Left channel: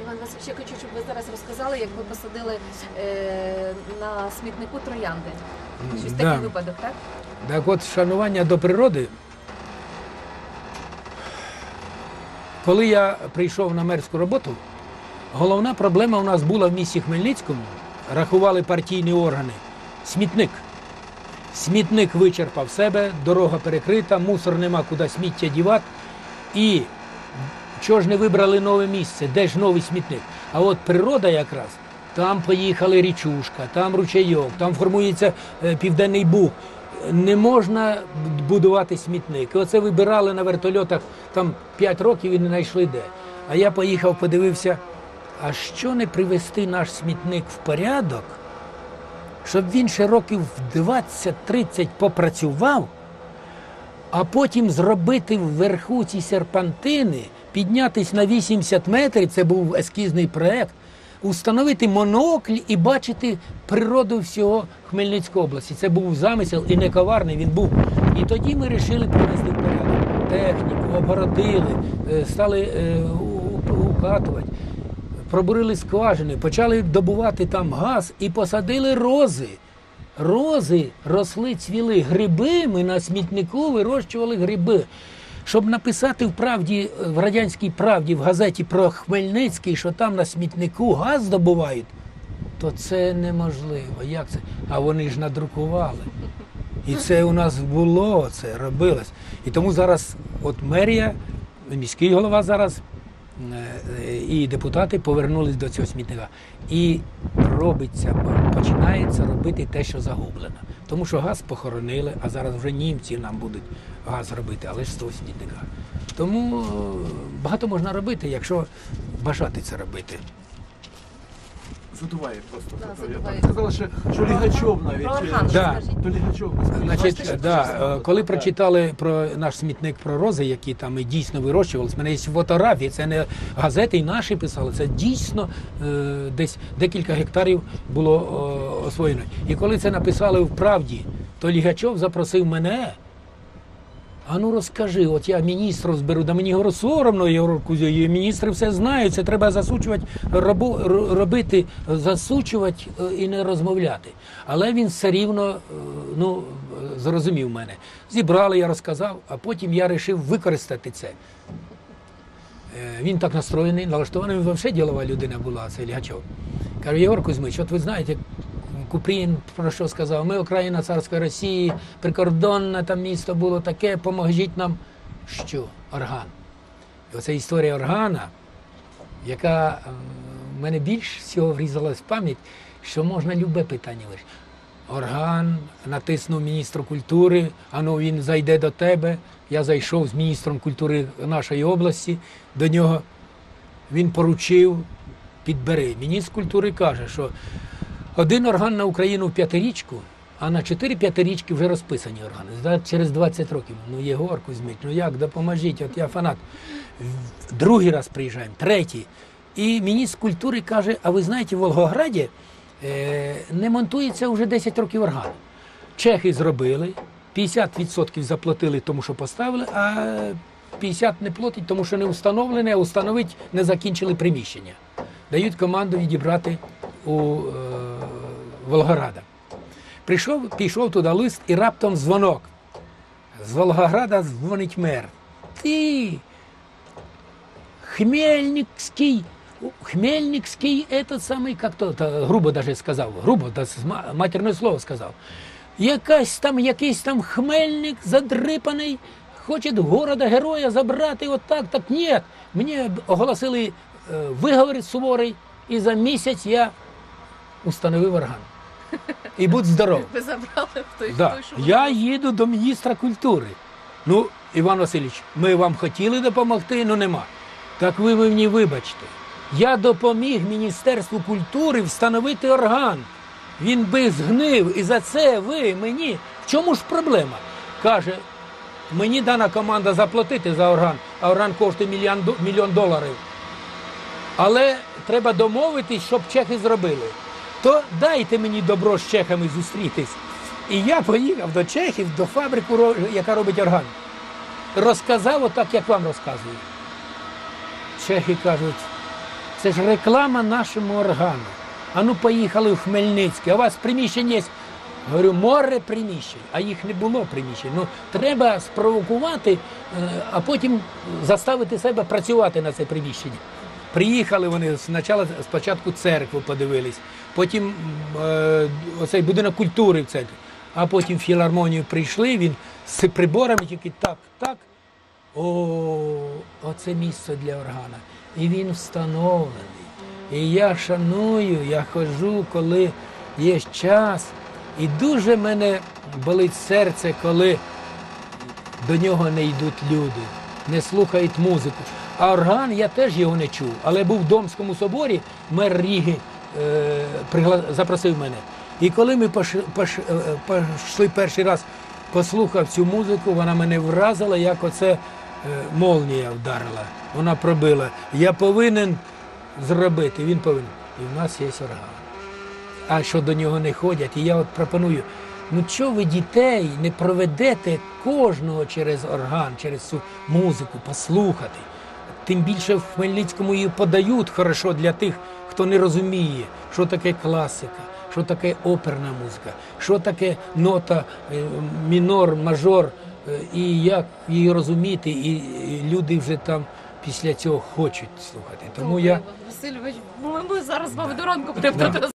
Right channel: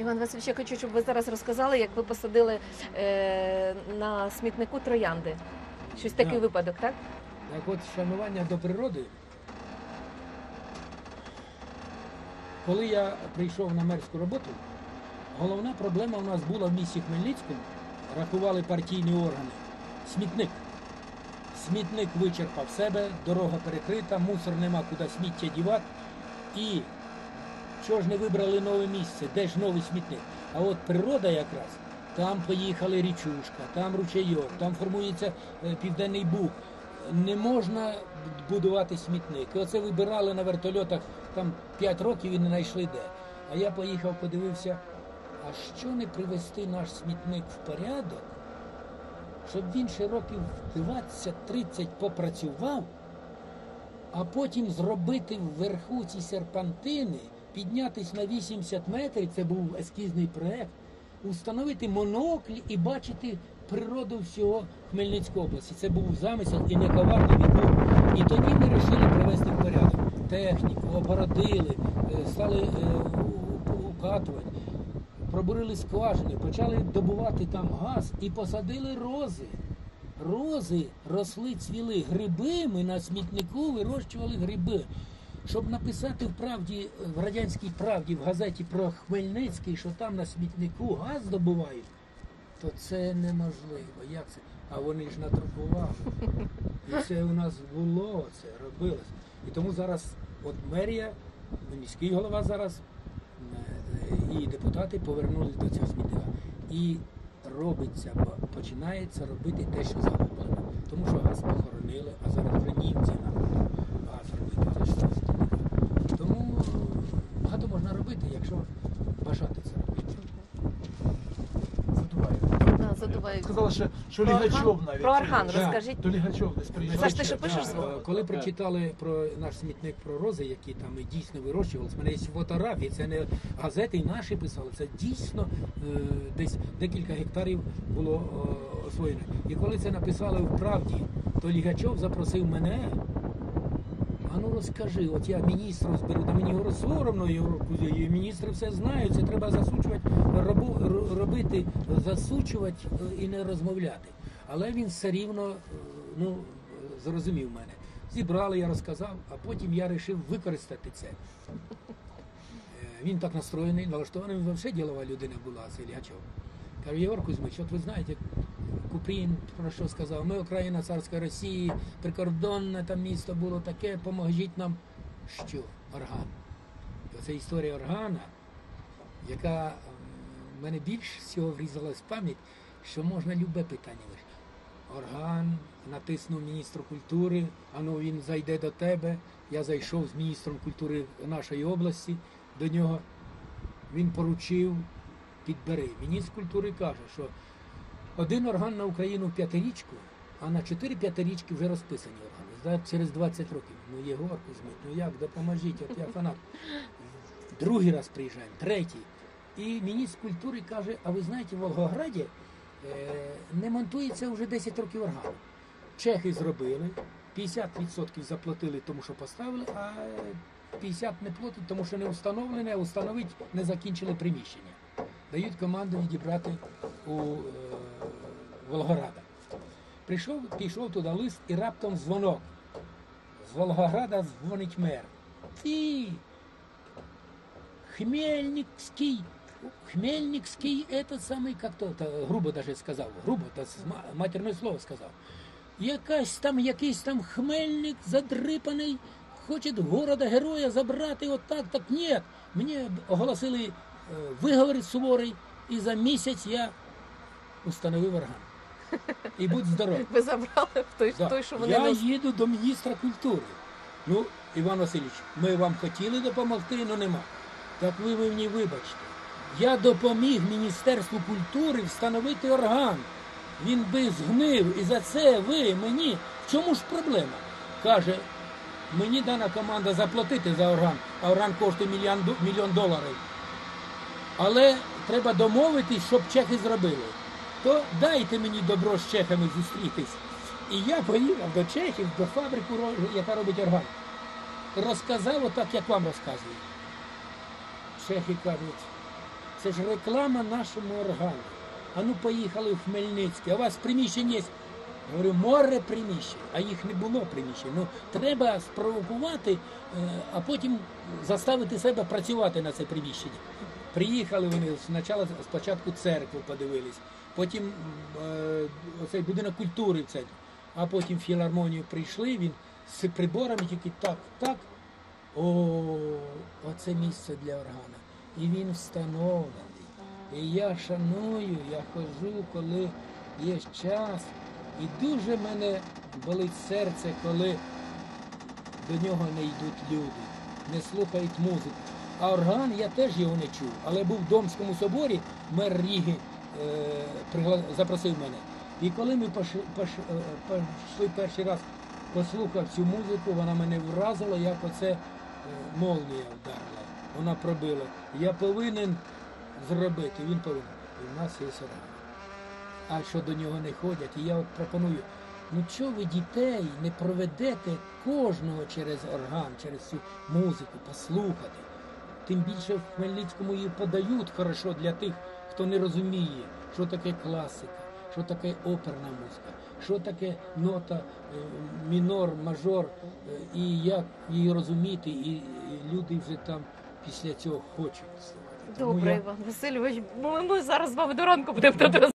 Іван Васильович, я хочу, щоб ви зараз розказали, як ви посадили е, на смітнику троянди. Щось Да. такий випадок, так? Так от шанування до природи. Коли я прийшов на мерську роботу, головна проблема у нас була в місті Хмельницькому. Рахували партійні органи. Смітник. Смітник вичерпав себе, дорога перекрита, мусор нема куди сміття дівати. І чого ж не вибрали нове місце? Де ж новий смітник? А от природа якраз. Там поїхали річушка, там ручейок, там формується е, південний буг. Не можна будувати смітник. Оце вибирали на вертольотах там 5 років і не знайшли де. А я поїхав, подивився, а що не привести наш смітник в порядок, щоб він ще років 20-30 попрацював, а потім зробити вверху ці серпантини, піднятись на 80 метрів, це був ескізний проект, установити монокль і бачити природу всього Хмельницької області. Це був замисел і не коварний він був. І тоді ми вирішили привести в порядок техніку, обгородили, е, стали е, укатувати, пробурили скважини, почали добувати там газ і посадили рози. Рози росли, цвіли гриби. Ми на смітнику вирощували гриби. Щоб написати в правді, в радянській правді в газеті про Хмельницький, що там на смітнику газ здобувають, то це неможливо. Як це? А вони ж надрукували. І це у нас було, це робилось. І тому зараз, от мерія, міський голова зараз е, е, і депутати повернулись до цього смітника. І робиться, починається робити те, що загублено. Тому що газ похоронили, а зараз вже німці нам будуть газ робити, але ж з того. Тому е, багато можна робити, якщо бажати це робити. Сказала, що, що навіть. Про Архан Да. скажіть. То Лігачов не сказав. Бачите, Значить, що да, е, коли прочитали про наш смітник про рози, які там і дійсно вирощувалися, в мене є фотографії, це не газети і наші писали, це дійсно е, десь декілька гектарів було е, освоєно. І коли це написали в правді, то Лігачов запросив мене. А ну розкажи, от я міністром зберу, да мені говорю, соромно, я говорю, «Кузя, і міністри все знають, це треба засучувати, робу, робити, засучувати е, і не розмовляти. Але він все рівно е, ну, зрозумів мене. Зібрали, я розказав, а потім я вирішив використати це. Е, Він так настроєний, налаштований, він взагалі ділова людина була, цей Лігачов. Каже, Єгор Кузьмич, от ви знаєте, Купрін про що сказав? Ми Україна царської Росії, прикордонне там місто було таке, поможіть нам. Що? Орган. І оця історія органа, яка е, в мене більш всього врізалась в пам'ять, що можна любе питання вирішити. Орган натиснув міністру культури, а ну він зайде до тебе. Я зайшов з міністром культури нашої області до нього. Він поручив, підбери. Міністр культури каже, що один орган на Україну в п'ятирічку, а на чотири п'ятирічки вже розписані органи. Через 20 років. Ну, Єгор Кузьмич, ну як, допоможіть, от я фанат. Другий раз приїжджаємо, третій. І міністр культури каже: а ви знаєте, в Волгограді е, не монтується вже 10 років орган. Чехи зробили, 50% заплатили тому, що поставили, а 50% не платять, тому що не встановлене, а установить не закінчили приміщення. Дають команду відібрати у е, Волгограда. Прийшов, пішов туди лист і раптом дзвонок. З Волгограда дзвонить мер. Ти Хмельницкий, Хмельницкий этот самый, как то, грубо даже сказав, грубо, матерне слово сказав. Якась там, якийсь там хмельник задрипаний, хоче города героя забрати, от так, так ні. Мені оголосили е, виговір суворий, і за місяць я установив орган. І будь здоров. Ви забрали той, Да. той що Я вони їду до міністра культури. Ну, Іван Васильович, ми вам хотіли допомогти, але нема. Так ви мені вибачте. Я допоміг Міністерству культури встановити орган. Він би згнив, і за це ви мені. В чому ж проблема? Каже, мені дана команда заплатити за орган, а орган коштує мільйон, мільйон доларів. Але треба домовитись, щоб чехи зробили. То дайте мені добро з чехами зустрітись. І я поїхав до Чехів, до фабрики, яка робить орган. Розказав отак, як вам розказую. Чехи кажуть, Це ж реклама нашому органу. А ну поїхали в Хмельницький, а у вас приміщення є. Говорю, море приміщень, а їх не було приміщень. Ну треба спровокувати, е, а потім заставити себе працювати на це приміщення. Приїхали вони спочатку, спочатку церкву подивились, потім е, оцей будинок культури в центрі, а потім в філармонію прийшли, він з приборами тільки так, так. О, оце місце для органа. І він встановлений. І я шаную, я ходжу, коли є час. І дуже мене болить серце, коли до нього не йдуть люди, не слухають музику. А орган я теж його не чув. Але був в Домському соборі, мер Ріги е, запросив мене. І коли ми пош, пош, е, перший раз, послухав цю музику, вона мене вразила, як оце е, молнія вдарила. Вона пробила. Я повинен зробити, він повинен. І в нас є орган а що до нього не ходять. І я от пропоную, ну чого ви дітей не проведете кожного через орган, через цю музику, послухати. Тим більше в Хмельницькому її подають хорошо для тих, хто не розуміє, що таке класика, що таке оперна музика, що таке нота е, мінор, мажор, е, і як її розуміти, і люди вже там після цього хочуть слухати. Тому я. Васильович, ми зараз з вами до ранку будемо